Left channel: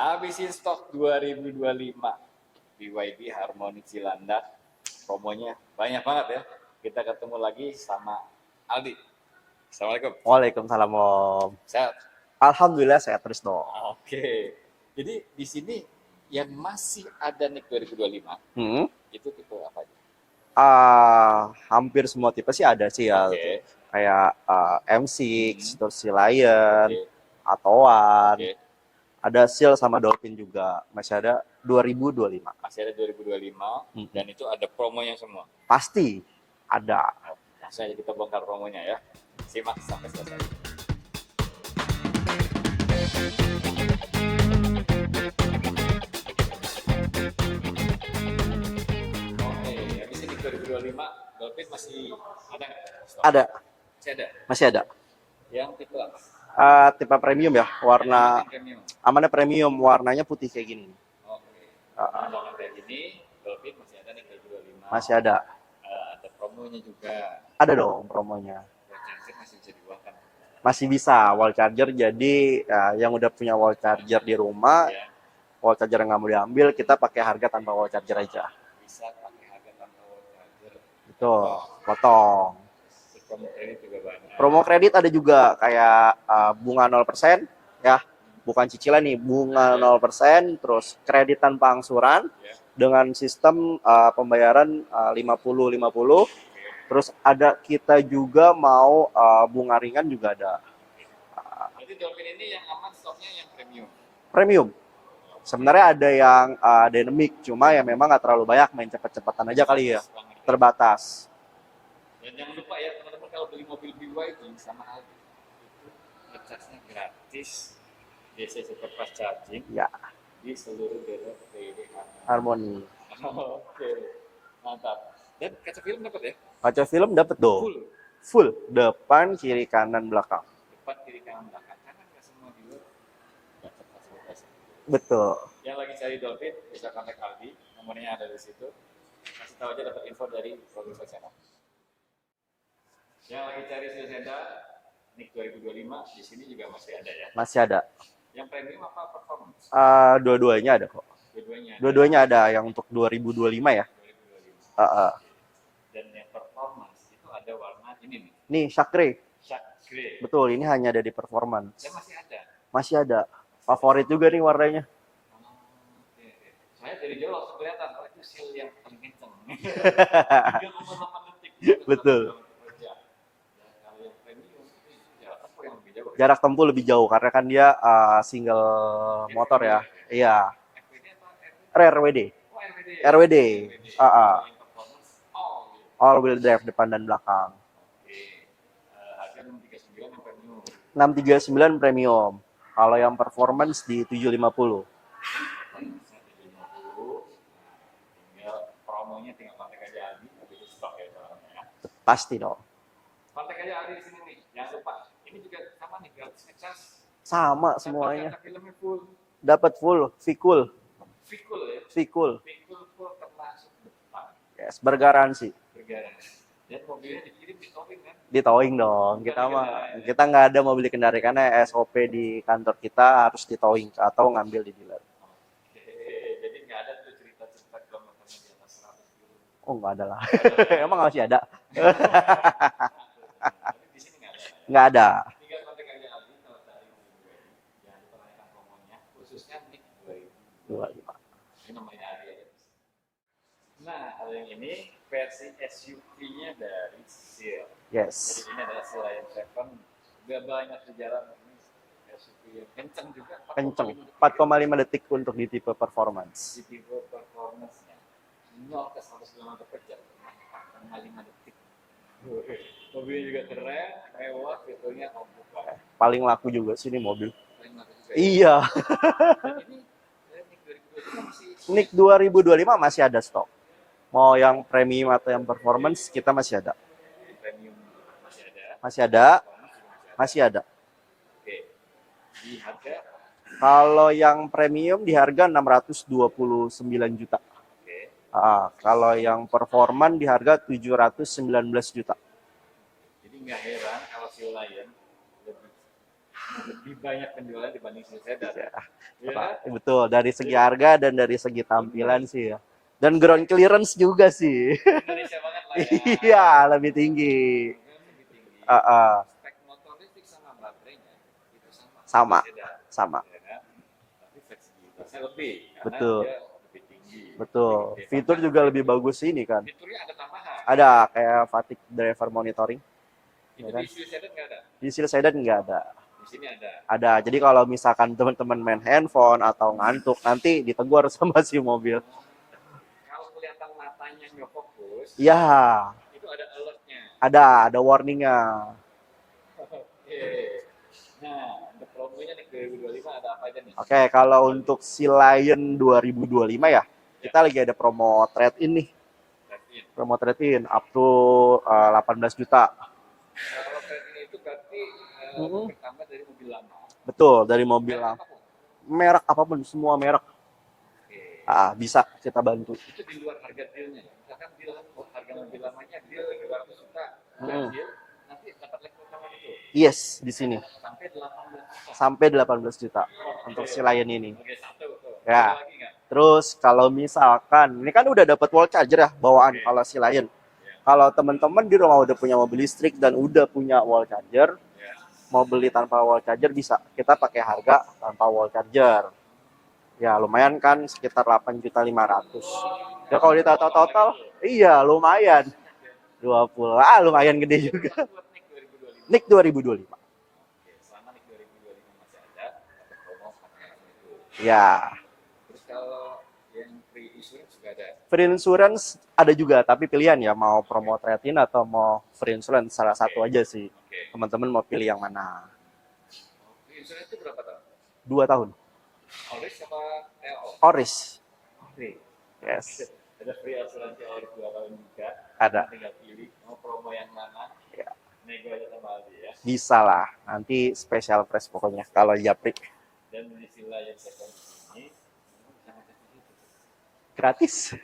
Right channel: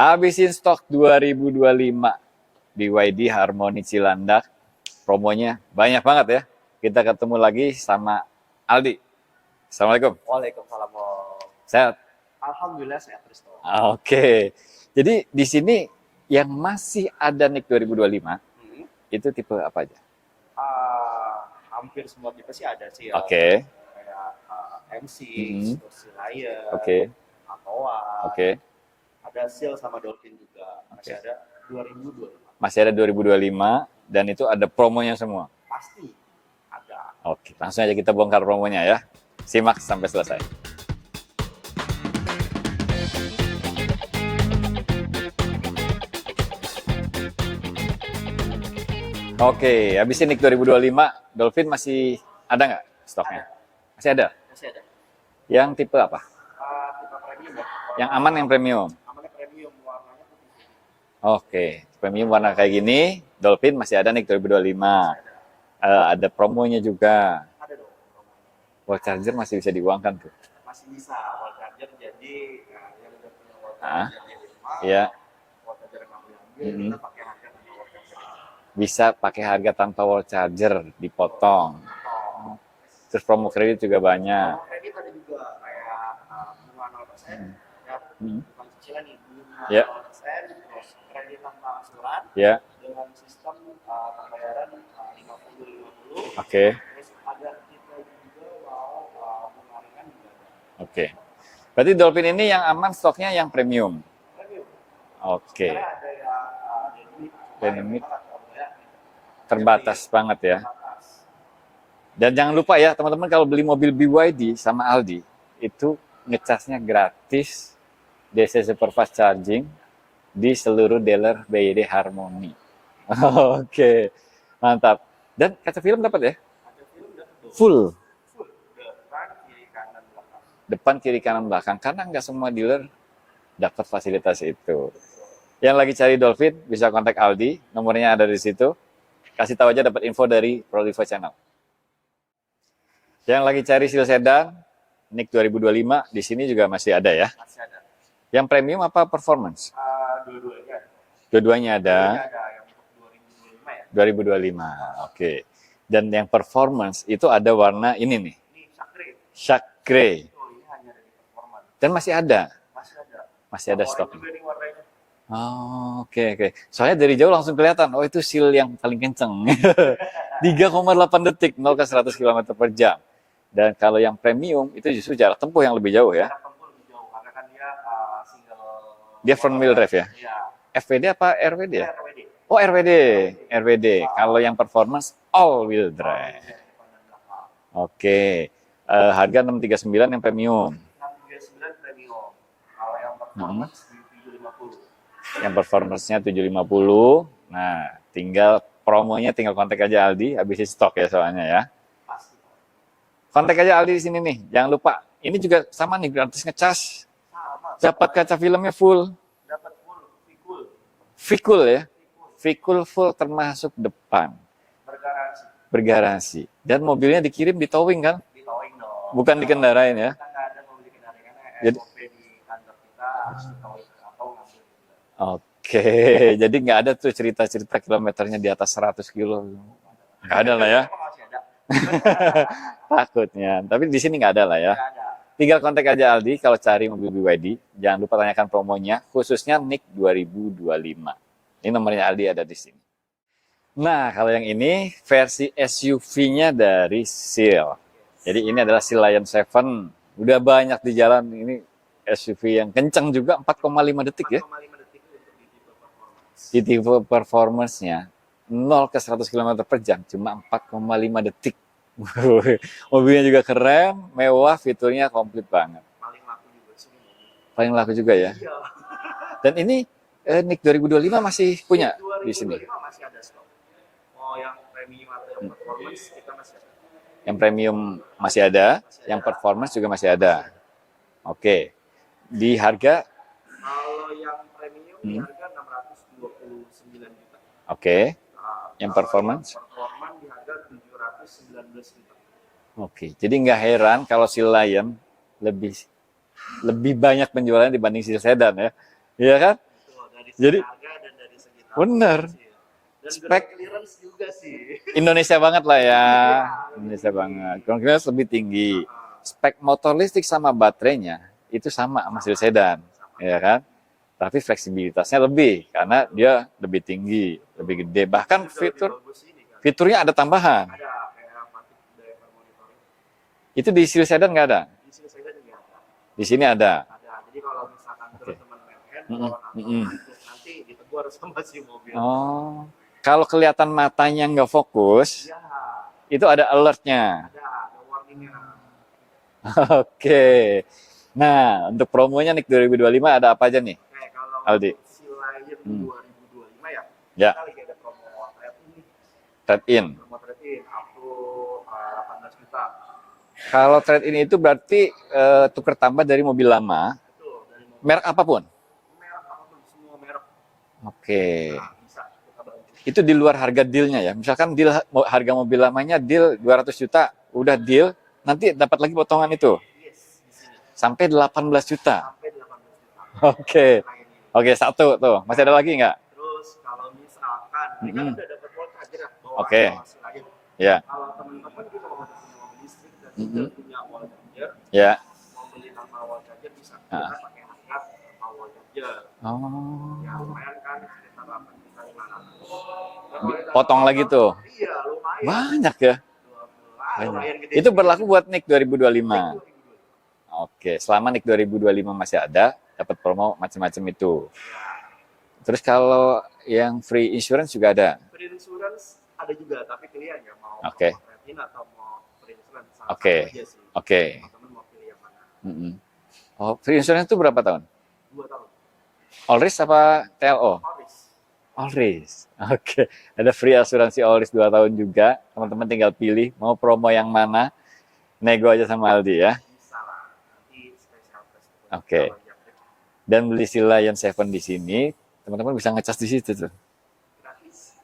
Habisin stok 2025 BYD Harmony Cilandak. Promonya banyak banget ya. Kita ketemu lagi sama Aldi. Assalamualaikum. Waalaikumsalam, Om. Sehat? Alhamdulillah sehat terus dong. Oke. Jadi di sini yang masih ada NIK 2025 itu tipe apa aja? Hampir semua tipe sih ada sih ya. Oke. Kayak M6, terus si Lion, Oke. Atoan. Oke. Ada Seal sama Dolphin juga. Masih ada 2025. Masih ada 2025 dan itu ada promonya semua. Pasti ada. Oke, langsung aja kita bongkar promonya ya. Simak sampai selesai. Oke, habis ini NIK 2025, Dolphin masih ada nggak stok? Ada. Masih ada? Masih ada. Yang tipe apa? Tipe premium ya. Warna Yang aman yang premium? Amannya premium, warnanya putih kayak gini. Oke, premium warna kayak gini, Dolphin masih ada NIK 2025. Masih ada. Ada promonya juga. Ada dong promonya. Wall charger masih bisa diuangkan tuh. Masih bisa wall charger, jadi yang udah punya wall charger di rumah, Ya, wall charger yang nggak mau diambil, kita pakai harga tanpa wall charger aja. bisa pakai harga tanpa wall charger, dipotong. Potong. Terus promo kredit juga banyak. Promo kredit ada juga kayak bunga 0% ya, bukan cicilan nih, bunga 0%, terus kredit tanpa angsuran Ya, dengan sistem pembayaran 50-50. oke. Terus ada kita juga mau bunga ringan juga ada. Oke. Berarti Dolphin ini yang aman stoknya yang premium. Premium. Oke. Sebenarnya ada yang dynamic, cuma ya Dynamic. memang nggak terlalu banyak, main cepet-cepetan aja kali ya. Terbatas banget ya. Terbatas. Dan jangan lupa ya teman-teman, kalau beli mobil BYD sama Aldi itu ngecasnya gratis DC Superfast Charging Ya. di seluruh dealer BYD Harmony. Harmony. Oke, mantap. Dan kaca film dapat ya? Kaca film dapat dong. Full. Depan, kiri, kanan, belakang. Depan, kiri, kanan, belakang. Karena nggak semua dealer dapat fasilitas itu. Betul. Yang lagi cari Dolphin bisa kontak Aldi, nomornya ada di situ. Kasih tahu aja dapat info dari Prolivo Channel. Yang lagi cari Seal Sedan, NIK 2025 di sini juga masih ada ya. Masih ada. Yang premium apa performance? Dua-duanya ada kok. Dua-duanya ada. Dua-duanya ada yang untuk 2025 ya. 2025. Oke. Dan yang performance itu ada warna ini nih, Nih, Shakre. Shark Grey. Betul, ini hanya ada di performance. Dan masih ada. Masih ada. Masih ada Favorit stok. juga nih warnanya. Oh, oke. Soalnya dari jauh langsung kelihatan, oh itu seal yang paling kenceng. 3,8 detik, 0 ke 100 Betul. km per jam. Dan kalau yang premium, itu justru jarak tempuh yang lebih jauh ya. Jarak tempuh lebih jauh karena kan dia single Dia motor front wheel drive ya? Iya. FWD apa RWD? RWD. Oh, RWD. RWD. RWD. Kalau yang performance, all wheel drive. All wheel drive depan dan belakang. Oke. Harga 639 yang premium. 639 premium. Kalau yang performance di 750. Yang performance-nya 750. Nah, tinggal promonya tinggal kontak aja Aldi, habisin stok ya soalnya ya. Pasti dong. Kontak aja Aldi di sini nih. Jangan lupa, ini juga sama nih gratis ngecas. Sama Dapat semuanya. kaca filmnya full. Dapat full, V-Cool. V-Cool ya. V-Cool. V-Cool full termasuk depan. Yes, bergaransi. Bergaransi. Dan mobilnya dikirim di towing kan? Di towing dong. Bukan Kita dikendarain ya. Kita nggak ada mobil dikendarain karena SOP di kantor kita harus di towing atau ngambil di dealer. Oke, jadi nggak ada tuh cerita-cerita kilometernya di atas 100 kilo. Oh, nggak ada lah. Nggak ada lah ya. Emang masih ada? Takutnya. Tapi di sini nggak ada lah ya. Nggak ada. Tinggal kontak aja Aldi kalau cari mobil BYD. Jangan lupa tanyakan promonya, khususnya NIK 2025. Ini nomornya Aldi ada di sini. Nah, kalau yang ini versi SUV-nya dari Seal. Yes. Jadi ini adalah Seal Lion 7. Udah banyak di jalan. Ini SUV yang kencang juga, 4,5 detik ya. 4,5 detik untuk di tipe performance. Di tipe performance-nya 0 ke 100 km per jam cuma 4,5 detik. Mobilnya juga keren, mewah, fiturnya komplit banget. Paling laku juga sih ini mobil. Paling laku juga ya. Iya. Dan ini NIK 2025 masih punya? NIK 2025 masih ada stok. Mau yang premium atau yang performance kita masih ada. Yang premium masih ada? Masih ada. Yang performance juga masih ada? Masih ada. Oke. Di harga? Kalau yang premium di harga 629 juta. Oke. Yang Kalau performance? yang performan di harga 719 juta. Oke. Jadi nggak heran kalau si Lion lebih banyak penjualannya dibanding si sedan ya. Iya kan? Betul, dari segi Jadi, harga dan dari segi bener. tampilan sih ya. Dan Spek ground clearance juga sih. Indonesia banget lah ya. Iya, lebih Indonesia tinggi. banget. Ground clearance lebih tinggi. Uh-uh. Spek motor listrik sama baterainya itu sama Sama. sedan. Sama. Ya kan? Tapi fleksibilitasnya lebih karena Betul. dia lebih tinggi, Betul. lebih gede. Fitur Bahkan juga lebih bagus ini kan. fiturnya ada tambahan. Ada kayak fatigue driver monitoring. Itu di Seal Sedan nggak ada? Di Seal Sedan nggak ada. Di sini ada. Ada. Jadi kalau misalkan teman-teman main handphone atau ngantuk, nanti ditegur sama si mobil. Oh, kalau kelihatan matanya nggak fokus, Ya, itu ada alertnya. ada warningnya. Oke. Nah, untuk promonya nih 2025 ada apa aja nih? Oke, kalau Aldi. untuk si Lion 2025 ya, Ya. kita lagi ada promo trade-in nih. Trade-in. Promo trade-in up to 18 juta. Kalau trade-in itu berarti tukar tambah dari mobil lama, Betul, dari mobil. merek apapun. Merek apapun, semua merek. Oke. Bisa kita bantu. Itu di luar harga dealnya ya. Misalkan deal harga mobil lamanya deal 200 juta, udah deal, nanti dapat lagi potongan itu Yes, di sini. sampai 18 juta. Sampai 18 juta. Oke. Si Lion ini. Oke, satu tuh. Masih Ya. ada lagi nggak? Terus kalau misalkan, ini kan udah dapat wall charger ya, bawaan Oke. kalau si Lion. Ya. Kalau teman-teman di rumah udah punya mobil listrik dan udah punya wall charger, Ya. mau beli tanpa wall charger bisa. Kita pakai harga tanpa wall charger. Oh. Ya lumayan kan, sekitar 8.500.000. Ya kalau ditotal Potong lagi tuh. Iya, lumayan. Banyak ya. 20. Lumayan gede. Itu juga. berlaku buat NIK 2025. NIK 2025. Oke, selama NIK 2025 masih ada, dapat promo macam-macam itu. Ya. Terus kalau yang free insurance juga ada. Free insurance ada juga, tapi pilihan ya mau Oke. promo trade-in atau mau free insurance, salah Oke. satu aja sih. Oke. Teman-teman mau pilih yang mana? Oh, free insurance itu berapa tahun? 2 tahun. All risk apa TLO? Oris. All risk. Yes. Oke. Ada free asuransi all risk 2 tahun juga. Teman-teman tinggal pilih mau promo yang mana. Ya. Nego aja sama Aldi ya. Bisa lah. Nanti special price pokoknya Oke. kalau japri. Dan beli si Lion 7 di sini, teman-teman bisa ngecas di situ tuh. Gratis.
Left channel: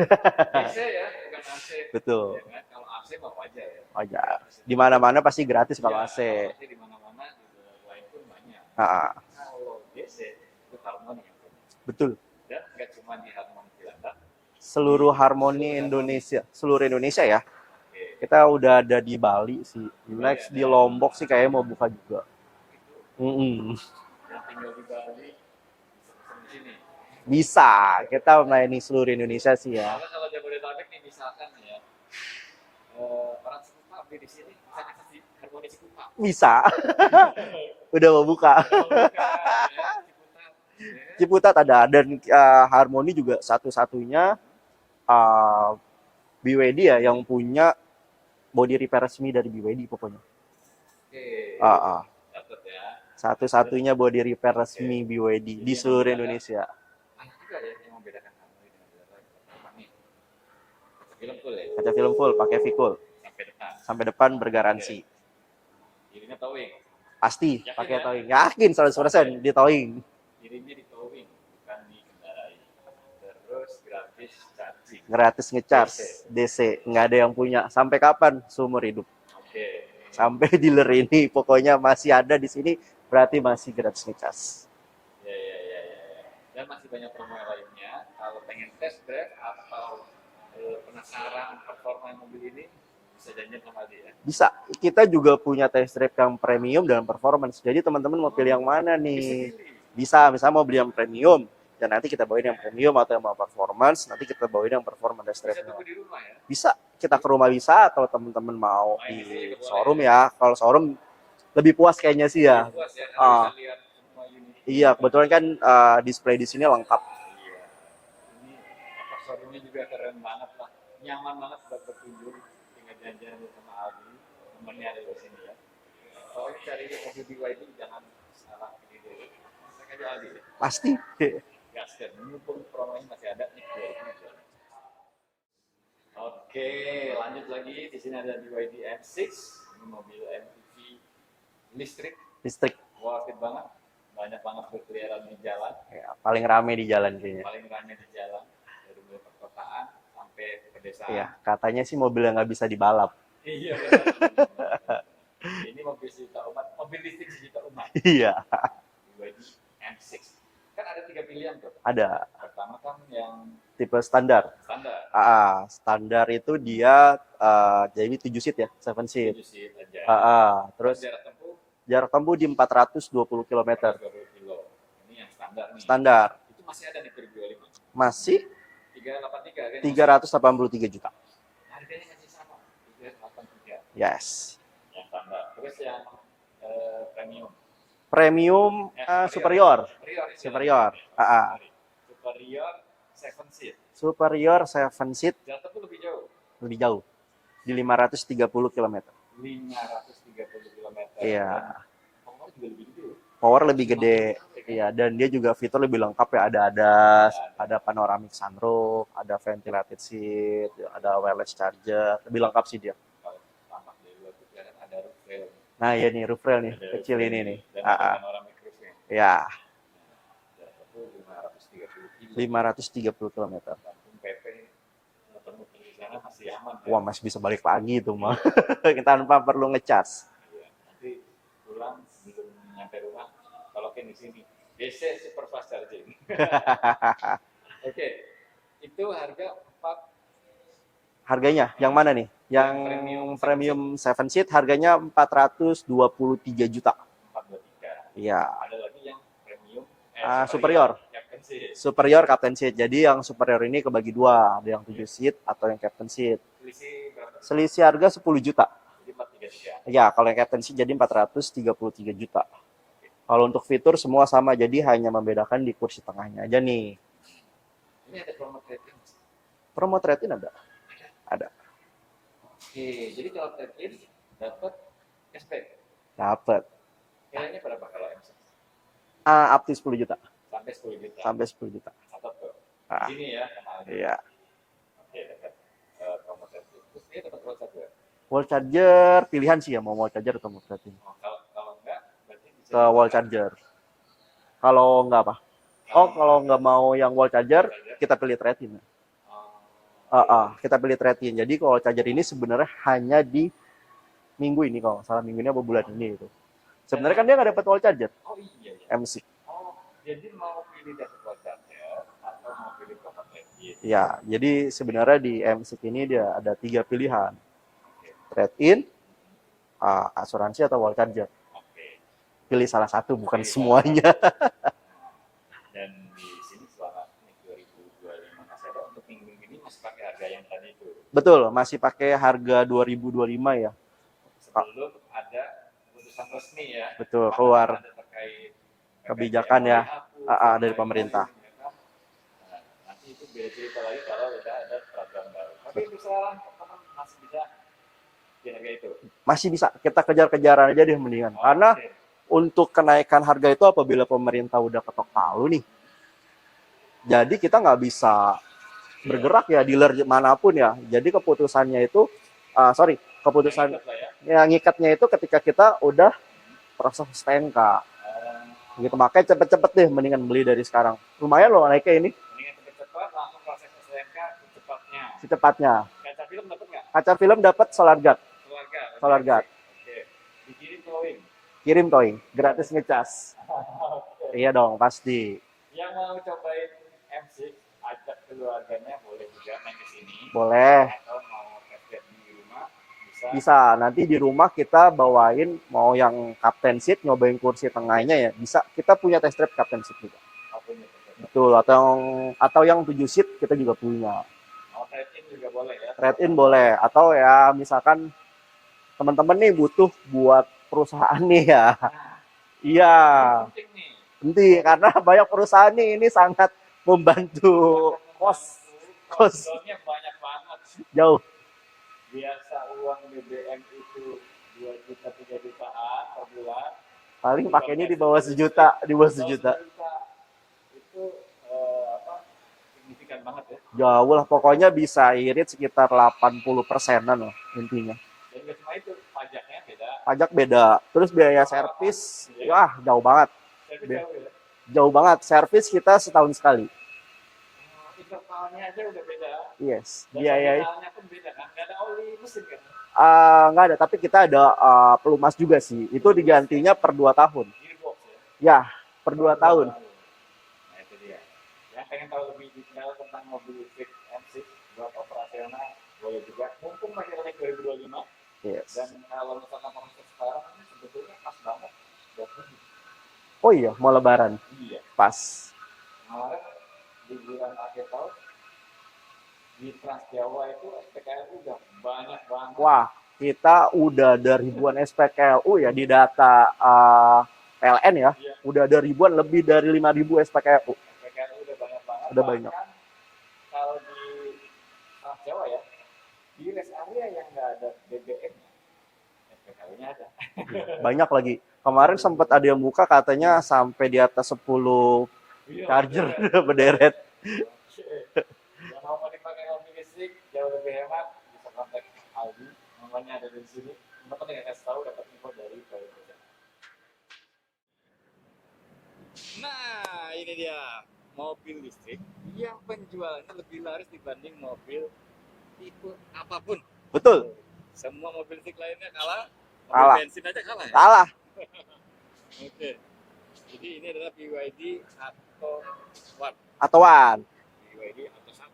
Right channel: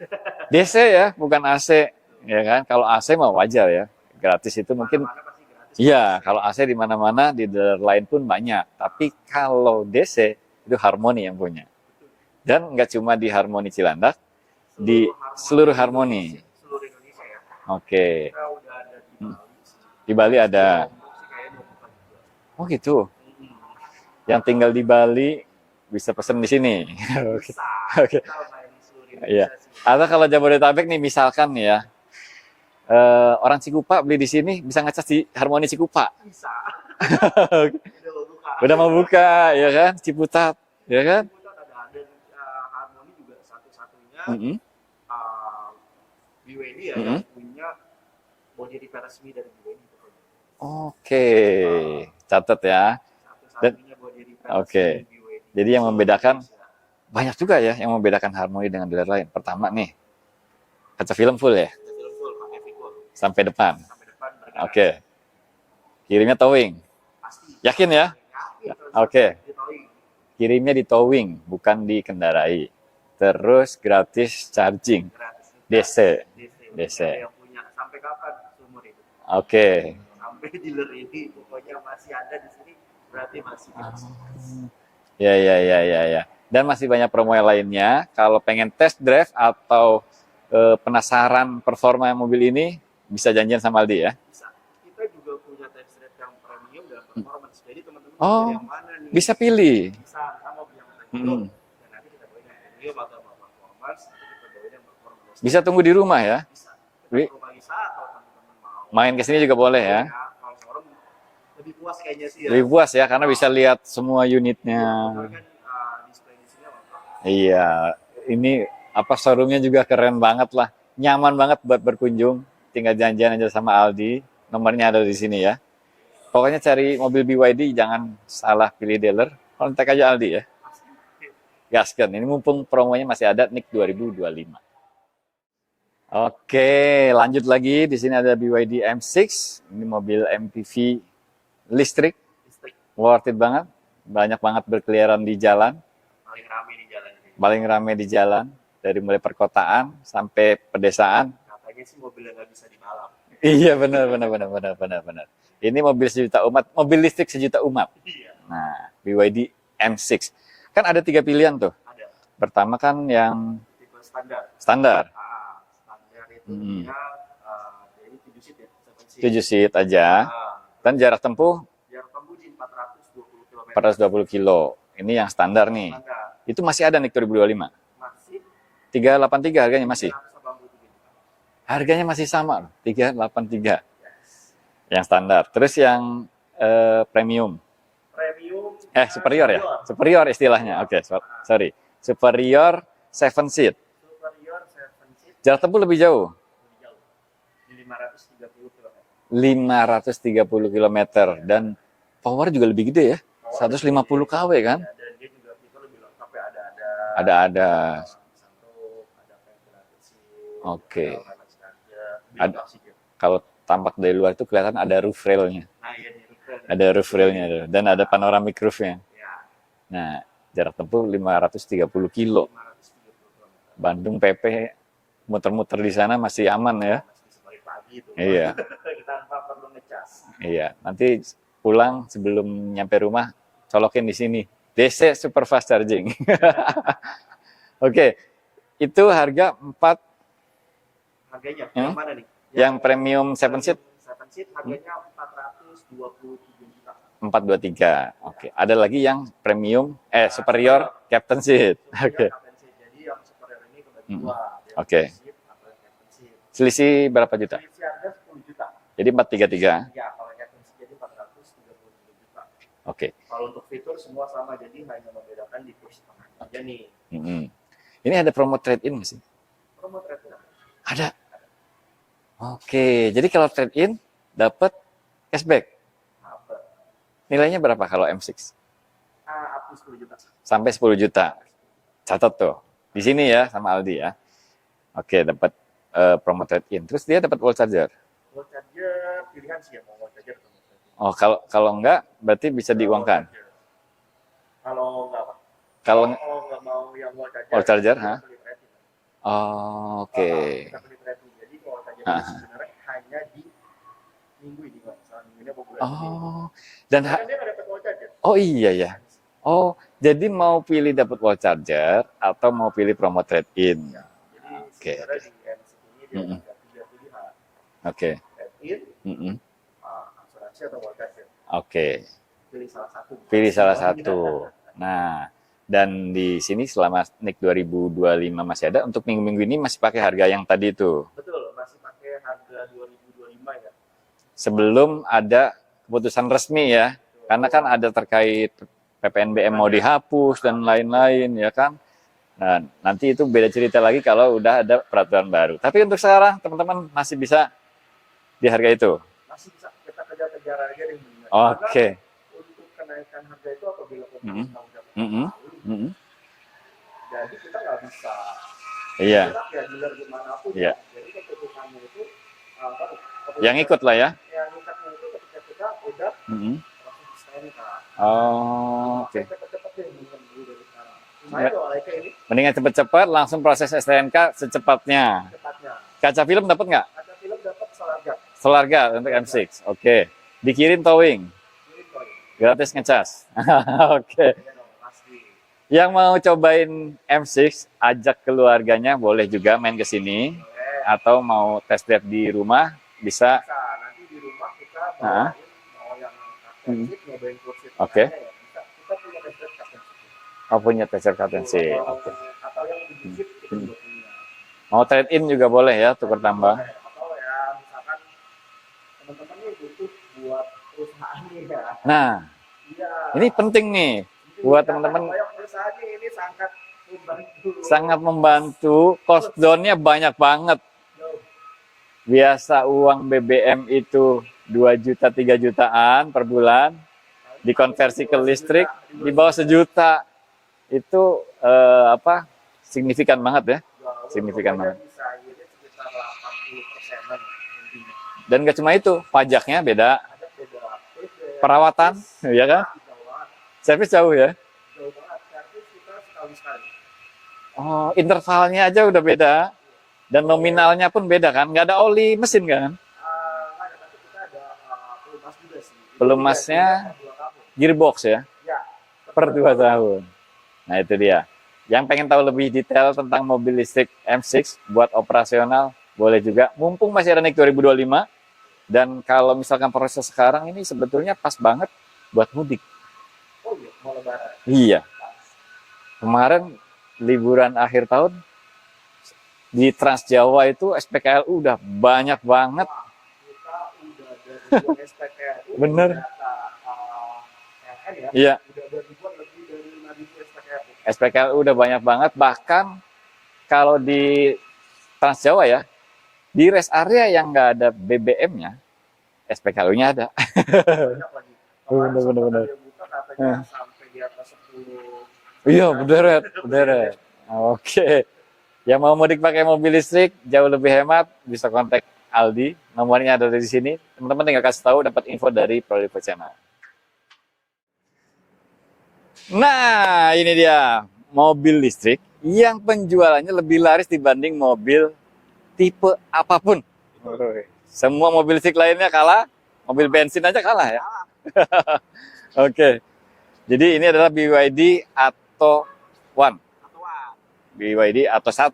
DC ya, bukan AC. Betul. Ya kan? Kalau AC mah wajar ya. Wajar. Gratis itu Di mana-mana pasti gratis. iya, kalau AC di mana-mana, di dealer lain pun banyak. Tapi kalau DC, itu Harmoni yang punya. Betul. Dan nggak cuma di Harmoni Cilandak, Seluruh Di Harmoni seluruh Harmoni. Indonesia. Seluruh Indonesia ya. oke. Kita udah ada di Bali sih. Di Bali Next ada. Di Lombok sih kayaknya mau buka juga. Oh gitu. Mm-mm. Yang tinggal di Bali bisa pesen di sini. Bisa. Kita melayani seluruh Indonesia sih ya. Atau kalau Jabodetabek nih misalkan nih ya, orang Cikupa beli di sini bisa ngecas di Harmoni Cikupa. Bisa. Udah mau buka. Udah mau buka, ya kan? Ciputat, ya kan? Ciputat ada dan Harmoni juga satu-satunya BYD ya yang punya body repair resmi dari BYD pokoknya. Oke, catat ya. Satu-satunya body repair resmi BYD. Jadi di yang seluruh membedakan Indonesia. banyak juga ya yang membedakan Harmoni dengan dealer lain. Pertama nih, kaca film full ya, Kaca film full, pakai V-Cool. sampai depan. Sampai depan bergaransi. Kirimnya towing. Pasti. Yakin pakai ya? towing. Yakin 100% di towing. Kirimnya di towing, bukan dikendarai. Terus gratis charging. Gratis ngecas. DC. DC. Nggak ada yang punya. Sampai kapan? Seumur hidup. Oke. Sampai dealer ini pokoknya masih ada di sini, berarti masih gratis ngecas. Ya. Dan masih banyak promo yang lainnya. Kalau pengen test drive atau penasaran performa mobil ini, bisa janjian sama Aldi ya. Bisa. Kita juga punya test drive yang premium dan performance. Jadi teman-teman mau pilih yang mana nih? Bisa pilih. Bisa. Misalnya mau beli yang premium. Dan nanti kita bawain yang premium atau yang mau performance. Nanti kita bawain yang performance test drive. Bisa tunggu di rumah ya. Bisa. Kita ke rumah bisa atau teman-teman mau main ke sini juga boleh showroom ya. Kalau showroom lebih puas kayaknya sih ya. Lebih puas ya karena bisa lihat semua unitnya. Iya, kebetulan kan display di sini lengkap. Iya, ini showroomnya juga keren banget lah. Nyaman banget buat berkunjung. Tinggal janjian aja sama Aldi. Nomornya ada di sini ya. Pokoknya cari mobil BYD jangan salah pilih dealer. Kontak aja Aldi ya. Pasti. Gaskan. Ini mumpung promonya masih ada NIK 2025. Oke, lanjut lagi. Di sini ada BYD M6. Ini mobil MPV listrik. Worth it banget. Banyak banget berkeliaran di jalan. Ya, paling rame di jalan kayaknya. Paling rame di jalan. Dari mulai perkotaan sampai pedesaan. Ya, katanya sih mobil yang nggak bisa dibalap. Iya, benar. Ini mobil sejuta umat. Mobil listrik sejuta umat. Iya. Nah, BYD M6. Kan ada 3 pilihan tuh. Ada Pertama kan yang tipe standar. standar, Standar itu Hmm. dia jadi 7 seat ya, 7 seat. 7 seat aja. Terus Dan jarak tempuh jarak tempuh di 420 km. 420 kilo. Ini yang standar nih. Standar. Itu masih ada nih 2025. Masih 383 harganya masih. 383 juta. Harganya masih sama loh, 383 Yes. yang standar. Terus yang premium. Premium Superior ya? Superior istilahnya. Superior. Oke, sorry. Superior 7 seat. Superior 7 seat Jarak tempuh lebih jauh. lebih jauh. Di 530 km. 530 km. Iya. Dan power juga lebih gede ya. Power lebih 150 gede. kW kan? Iya, dan dia juga fitur lebih lengkap ya. Ada panoramic sunroof, ada ventilated seat, Oke. ada wireless charger. Lebih lengkap sih dia. Kalau tampak dari luar itu kelihatan ada roof rail-nya. Nah, iya nih roof rail nih. Ada roof Kiri rail-nya nih. tuh. Dan ada panoramic roof-nya. Ya, Nah, jarak tempuh 530 kilo. 530 km. Bandung PP muter-muter di sana masih aman ya. Wah, masih bisa balik lagi tuh, mah. Iya. Tanpa perlu ngecas. Iya, nanti pulang sebelum nyampe rumah colokin di sini. DC Super Fast Charging. Oke, itu harga 4. Harganya yang mana nih? Yang premium 7 seat? Premium 7 seat harganya 423 juta. 423. Iya. Oke. Ada lagi yang premium superior Captain Seat. Superior Oke. Captain Seat. Jadi yang superior ini kebagi dua, ada yang Oke. 7 seat atau yang Captain Seat. Selisih berapa juta? Selisih harga 10 juta. Jadi 433. Ya, kalau yang Captain Seat jadi 433 juta. Oke. Kalau untuk fitur semua sama, jadi hanya membedakan di kursi tengahnya aja nih. Mm-mm. Ini ada promo trade-in nggak sih? Promo trade-in ada? Ada. Ada. Oke, jadi kalau trade-in dapat cashback. Dapat. Nilainya berapa kalau M6? Up to 10 juta. Sampai 10 juta. Sampai 10 juta. Catat tuh. Di sini ya sama Aldi ya. Ya. Oke, dapat promo trade-in. Terus dia dapat wall charger. Wall charger pilihan sih ya, mau wall charger atau mau trade-in. Oh, kalau enggak berarti bisa Wall diuangkan. charger. Kalau enggak apa? Kalau nggak mau yang wall charger, wall charger, kita pilih trade-in. Oh, oke. Kita pilih trade-in. Jadi kalau charger ini sebenarnya hanya di minggu ini, kalau nggak salah minggu ini apa bulan ini. Dan sebenarnya kan dia nggak dapat wall charger. Oh iya ya. MC. Oh, jadi mau pilih dapat wall charger atau mau pilih promo trade-in? Ya, jadi sebenarnya di MC ini dia ada 3 pilihan. Oke. Trade-in, Mm-mm. asuransi atau wall charger. Oke. Pilih salah satu, bukan Pilih salah semuanya. satu. Nah, dan di sini selama NIK 2025 masih ada, untuk minggu-minggu ini masih pakai harga yang tadi itu. Betul, masih pakai harga 2025 ya. Sebelum ada keputusan resmi ya. Betul. Karena kan ada terkait PPNBM mau dihapus dan dari lain-lain ya kan. Nah, nanti itu beda cerita lagi kalau udah ada peraturan baru. Tapi untuk sekarang teman-teman masih bisa di harga itu. Masih bisa, kita kejar-kejaran aja deh mendingan. Oke. Karena untuk kenaikan harga itu apabila pemerintah udah ketok palu nih. Jadi kita nggak bisa bergerak ya, dealer manapun ya. Jadi keputusannya itu, keputusan yang ikut lah ya. Yang ngikatnya itu ketika kita udah proses STNK. Oh. Gitu, makanya cepet-cepet deh mendingan beli dari sekarang. Lumayan loh naiknya ini. Mendingan cepet-cepet langsung proses STNK secepatnya. Secepatnya. Kaca film dapat nggak? Kaca film dapat solar guard. Solar guard untuk M6. Oke. Dikirim towing. Kirim towing. Gratis ngecas. Oke. Iya dong, pasti. Yang mau cobain M6, ajak keluarganya boleh juga main ke sini. Boleh. Atau mau test drive di rumah, bisa. Bisa. Nanti di rumah kita bawain mau yang captain seat, nyobain kursi tengahnya ya. Bisa. Kita punya test drive captain seat juga. Oh, punya test drive captain seat. Atau yang 7 seat kita juga punya. Mau trade-in juga boleh ya. Trade-in boleh. Atau ya misalkan teman-teman nih butuh buat perusahaan nih ya. Nah. Iya. Ini penting nih. Penting, karena banyak perusahaan nih, ini sangat membantu. Sangat membantu. Cost down-nya banyak banget. Jauh. Biasa uang BBM itu 2 juta, 3 jutaan per bulan. Paling dikonversi ke listrik, di bawah sejuta. Itu signifikan banget ya. Jauh lah, pokoknya bisa irit sekitar 80%-an lah intinya. Dan nggak cuma itu, pajaknya beda. Pajak beda. Terus biaya perawatan, servis, ya kan? Jauh banget. Servis jauh ya? Jauh banget. Servis kita setahun sekali. Oh, intervalnya aja udah beda. Yes. Dan nominalnya pun beda kan? Nggak ada oli mesin kan? Nggak ada, tapi kita ada pelumas juga sih. Itu digantinya per 2 tahun. Gearbox ya? Ya, per 2 tahun. Nah itu dia. Yang pengen tahu lebih detail tentang mobil listrik M6 buat operasional, boleh juga. Mumpung masih ada NIK 2025. Yes. Dan kalau misalkan proses sekarang ini sebetulnya pas banget buat mudik. Oh iya, mau lebaran. Iya. Pas. Kemarin liburan akhir tahun di Trans Jawa itu SPKLU udah banyak banget. Wah, kita udah ada ribuan SPKLU ya di Bener. data PLN ya. Iya. Udah ada ribuan, lebih dari 5.000 SPKLU. SPKLU udah banyak banget. Udah Bahkan kalau di Trans Jawa ya, di rest area yang nggak ada BBM-nya, SPKLU-nya ada. Banyak lagi. Kemarin sempat Bener. ada yang buka katanya sampai di atas 10. Iya, berderet. Berderet. Oke. Yang mau mudik pakai mobil listrik jauh lebih hemat bisa kontak Aldi. Nomornya ada di sini. Teman-teman tinggal kasih tahu dapat info dari Prolivo Channel. Nah, ini dia mobil listrik yang penjualannya lebih laris dibanding mobil tipe apapun. Betul. Semua mobil listrik lainnya kalah, mobil bensin aja kalah ya. Kalah. Oke. Jadi ini adalah BYD Atto One. Atoan. BYD Atto 1.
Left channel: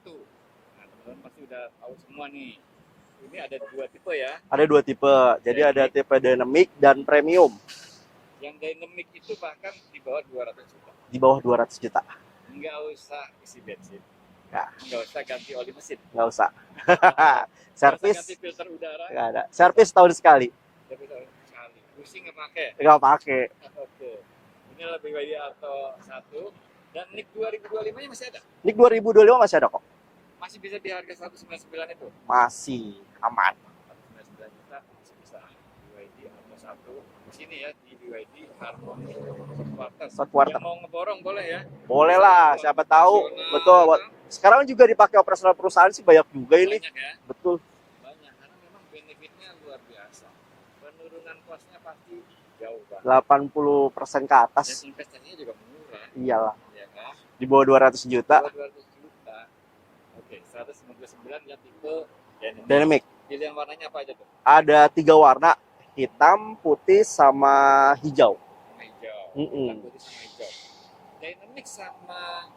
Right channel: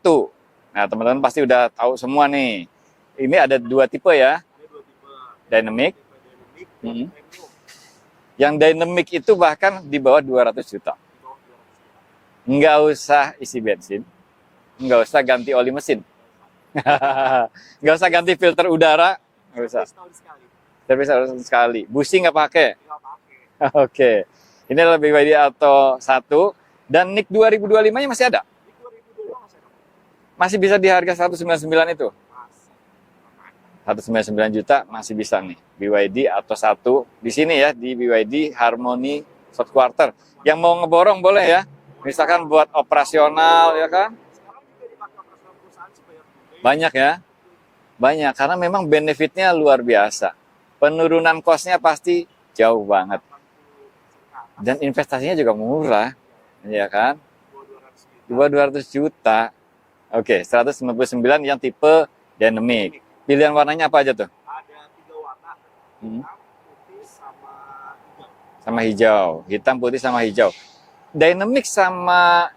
Nah, teman-teman pasti udah tahu semua nih. Ini ada 2 tipe ya. Ada 2 tipe. Jadi Dynamic. ada tipe dynamic dan premium. Yang dynamic itu bahkan di bawah 200 juta. Di bawah 200 juta. Nggak usah isi bensin. Ya. Nggak usah ganti oli mesin. Nggak usah. Nggak usah ganti filter udara. Nggak ada. Servis tahun sekali. Servis harus sekali. Busi nggak pakai. Nggak pakai. Oke. Ini adalah BYD Atto 1. Dan NIK 2025-nya masih ada. NIK 2025 masih ada kok. Masih bisa di harga 199 itu. Masih aman. 199 juta masih bisa nih. BYD Atto 1 di sini ya, di BYD Harmony South Quarter. Yang mau ngeborong boleh ya. Boleh misalkan lah, buat operasional tahu, ya kan. Sekarang juga dipakai operasional perusahaan sih banyak juga ini. Banyak ya. Betul. Banyak karena memang benefitnya luar biasa. Penurunan kosnya pasti jauh banget. 80% ke atas. Dan investasinya juga murah. Iyalah. Iya kan? Di bawah 200 juta. Di bawah 200 juta. Oke, 199 yang tipe dynamic. Pilihan warnanya apa aja tuh? Ada 3 warna, hitam, putih, sama hijau. Sama hijau, hitam, putih, sama hijau. Dynamic sama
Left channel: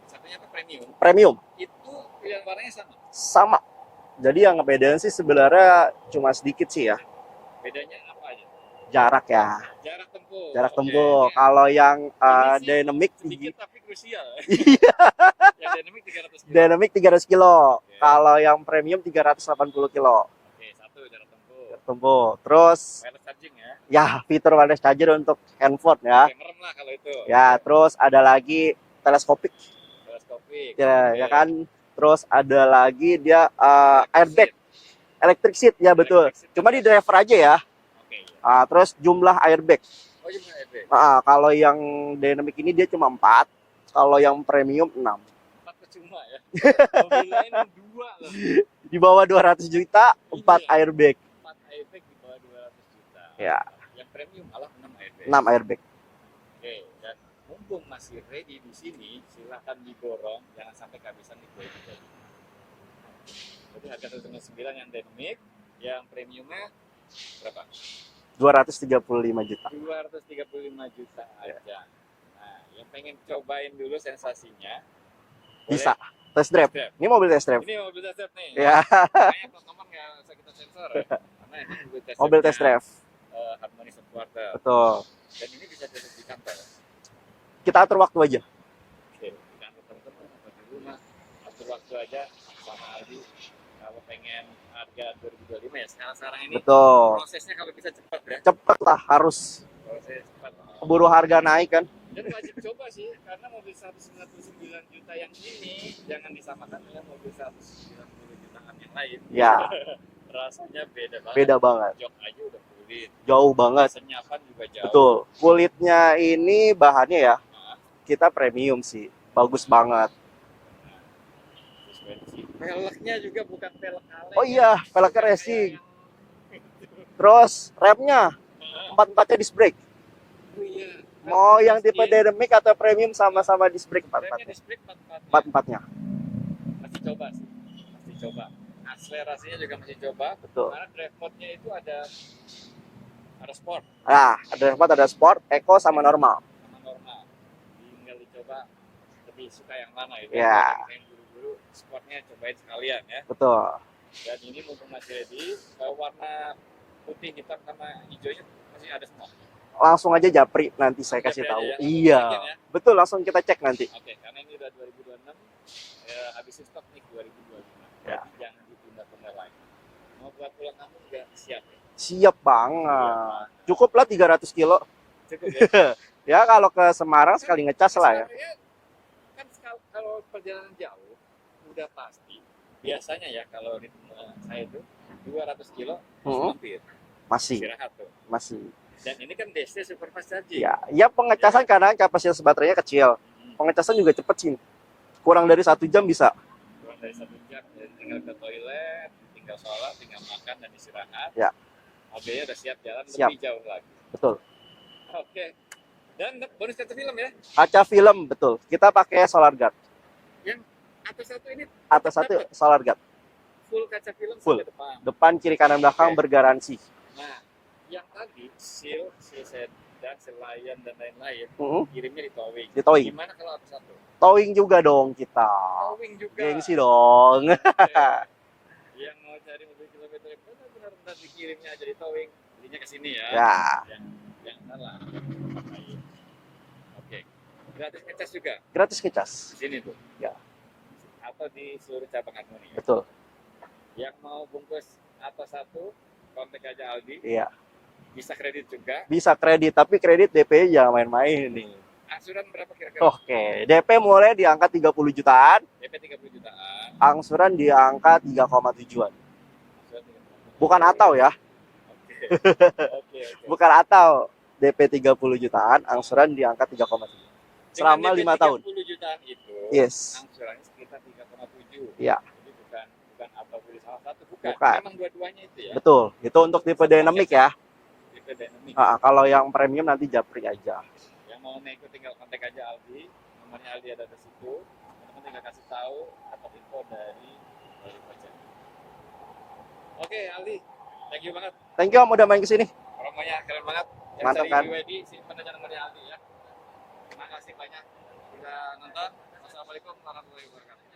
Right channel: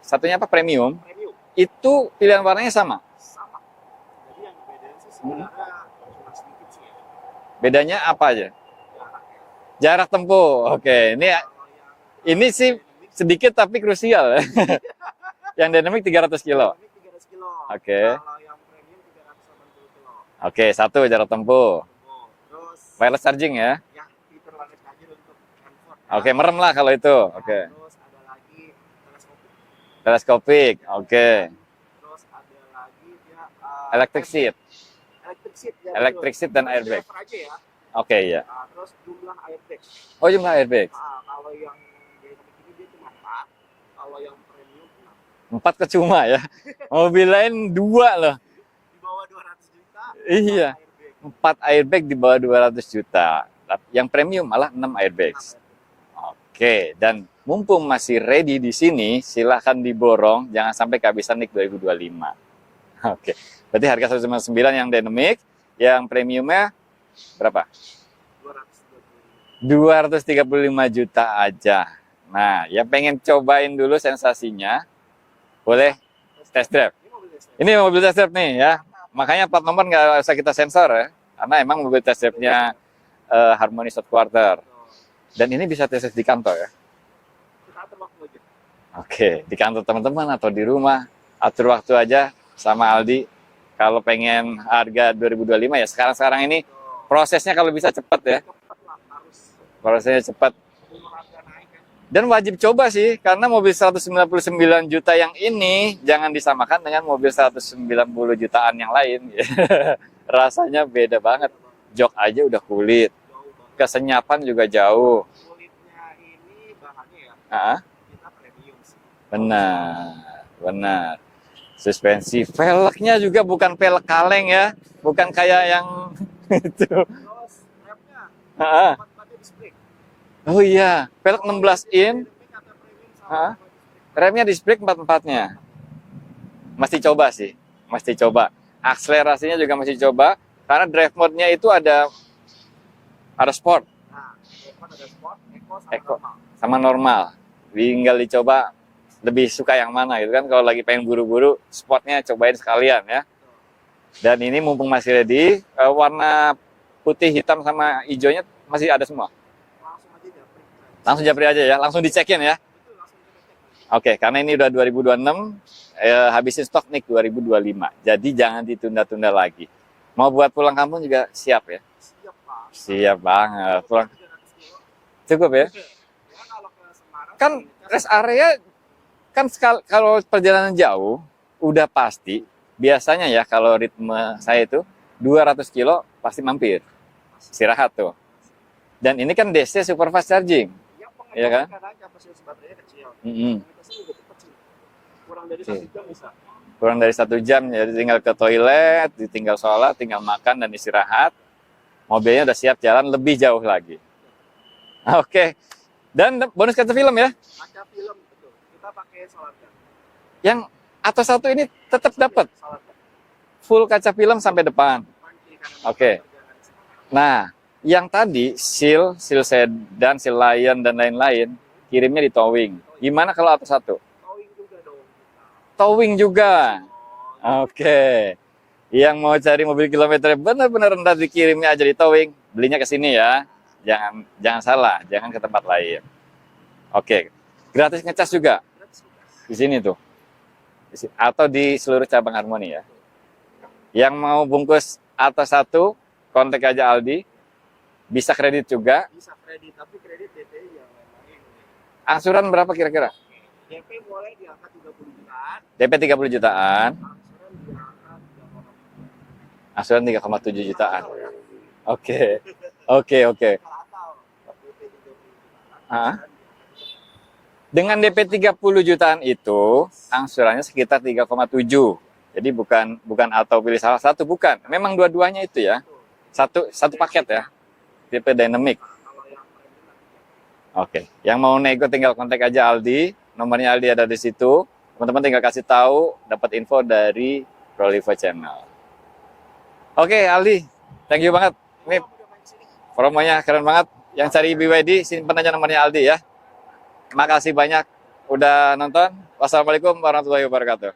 satunya apa? Premium. Premium. Itu pilihan warnanya sama? Sama. Jadi yang ngebedain sih sebenarnya cuma sedikit sih ya. Bedanya apa aja? Jarak ya. Jarak tempuh. Oke, ini kalau yang ini sih dynamic sedikit tapi krusial ya. Yang dynamic 300 kilo. Dynamic 300 kilo. Oke. Kalau yang premium 380 kilo. Oke, 1 jarak tempuh. Terus wireless charging ya. Ya, fitur wireless charger untuk handphone ya. Oke, merem lah kalau itu. Ya, terus ada lagi teleskopik. Teleskopik. Ya, Oke. kan? Terus ada lagi dia electric seat. Electric seat ya betul. Electric seat dan cuma di driver aja ya. Oke, iya. Terus jumlah airbag. Oh, jumlah airbag. Kalau yang dynamic ini dia cuma 4. Kalau yang premium 6. 4 kecuma ya. Mobil lain 2 loh. Di bawah 200 juta, 4 airbag. 4 airbag di bawah 200 juta. Ya. Yang premium malah 6 airbag. 6 airbag. Oke, dan mumpung masih ready di sini, silahkan diborong. Jangan sampai kehabisan NIK 2025. Oke, berarti harga 199 yang dynamic, yang premiumnya berapa? 235 juta. 235 juta aja. Nah, yang pengen cobain dulu sensasinya, boleh Test test drive. Ini mobil test drive. Ini mobil test drive nih ya. Makanya plat nomor nggak usah kita sensor ya, karena emang mobil test drive-nya Harmony South Quarter. Betul. Dan ini bisa test drive di kantor ya. Kita atur waktu aja. Oke, di kantor teman-teman atau di rumah, atur waktu aja sama Aldi. Kalau pengen harga 2025 ya sekarang-sekarang ini. Betul. Prosesnya kalau bisa cepat ya. Cepat lah, harus. Prosesnya cepat. Keburu harga naik kan. Dan wajib coba sih, karena mobil 199 juta yang ini jangan disamakan dengan mobil 190 jutaan yang lain. Ya. Rasanya beda banget. Beda banget. Jok aja udah kulit. Jauh banget. Kesenyapan juga jauh. Betul. Kulitnya ini bahannya ya, kita premium sih. Benar. Bagus banget. Benar. Suspensi, velgnya juga bukan velg kaleng ya, bukan kayak yang itu. Terus remnya, 4-4-nya disc brake. Oh iya, velg 16 yang tipe in. dynamic atau premium sama-sama disc brake. Remnya disc brake 4-4-nya. 4-4-nya. Mesti coba sih, mesti coba. Akselerasinya juga mesti coba. Betul. Karena drive mode-nya itu ada sport. Nah, ada sport, eco sama normal. Sama normal. tinggal dicoba lebih suka yang mana gitu kan. Ya. Kalau lagi pengen buru-buru, spotnya cobain sekalian ya. Betul. Dan ini mumpung masih ready, warna putih, hitam, sama hijaunya masih ada semua. Langsung aja japri nanti. Langsung saya japri kasih aja tahu. ya, langsung Iya. dicekin ya. Betul, langsung kita cek nanti. Oke, karena ini udah 2026, habisin stok NIK 2025. Jadi jangan ditunda-tunda lagi. Mau buat pulang kampung juga siap ya? Siap banget. Siap banget. Cukup lah 300 kilo. Cukup ya? Ya kalau ke Semarang Kan sekali ngecas rest lah. Ya. area kan kalau perjalanan jauh udah pasti biasanya ya kalau ritme saya itu 200 kilo pasti mampir Masih. istirahat tuh. Masih. Dan ini kan DC super fast charging. Ya pengecasan Iya kan? karena kapasitas baterainya kecil. Pengecasan juga cepet sih. Kurang dari 1 jam bisa. Kurang dari 1 jam, jadi tinggal ke toilet, tinggal sholat, tinggal makan dan istirahat. Ya. Mobilnya udah siap jalan lebih jauh lagi. Betul. Oke. Dan bonus kaca film ya? Kaca film, betul. Kita pakai solar guard. Yang atas satu ini tetap Atas satu dapat solar guard. full kaca film sampai depan. Depan, kiri, kanan, belakang Oke. bergaransi. Nah, yang tadi seal sedan, seal lion dan lain-lain kirimnya di towing. Di towing. Gimana kalau atas satu? Towing juga dong kita. Towing juga. Gengsi dong. Oke. Yang mau cari mobil kilometer benar-benar rendah dikirimnya aja di towing, belinya ke sini ya. Ya, Jangan salah, jangan ke tempat lain. Oke. Gratis ngecas juga gratis ngecas. di sini tuh. Ya. Atau di seluruh cabang Harmoni ya. Betul. Yang mau bungkus atas satu, kontak aja Aldi. Iya. Bisa kredit juga. Bisa kredit, tapi kredit DP jangan main-main nih. Angsuran berapa kira-kira? Oke, DP mulai di angka 30 jutaan, DP 30 jutaan, angsuran di angka 3,7-an. angsuran 3,7 Bukan jutaan. atau ya, Oke. Oke. bukan atau. DP 30 jutaan, angsuran di angka 3,7. Dengan Selama DP 5 30 jutaan itu, Yes. angsurannya sekitar 3,7. Iya. Jadi bukan atau pilih salah satu, bukan. Bukan. Memang dua-duanya itu ya. Betul, itu Satu- untuk tipe satu dynamic paket ya. Tipe dynamic. Kalau yang premium nanti japri aja. Oke. Yang mau nego tinggal kontak aja Aldi. Nomornya Aldi ada di situ. Teman-teman tinggal kasih tahu, dapat info dari Prolivo Channel. Oke, Aldi. Thank you banget. Thank you Om udah main ke sini. Promonya keren banget. Yang Mantap, cari kan? BYD, simpen aja nomornya Aldi ya. Makasih banyak udah nonton. Wassalamualaikum warahmatullahi wabarakatuh.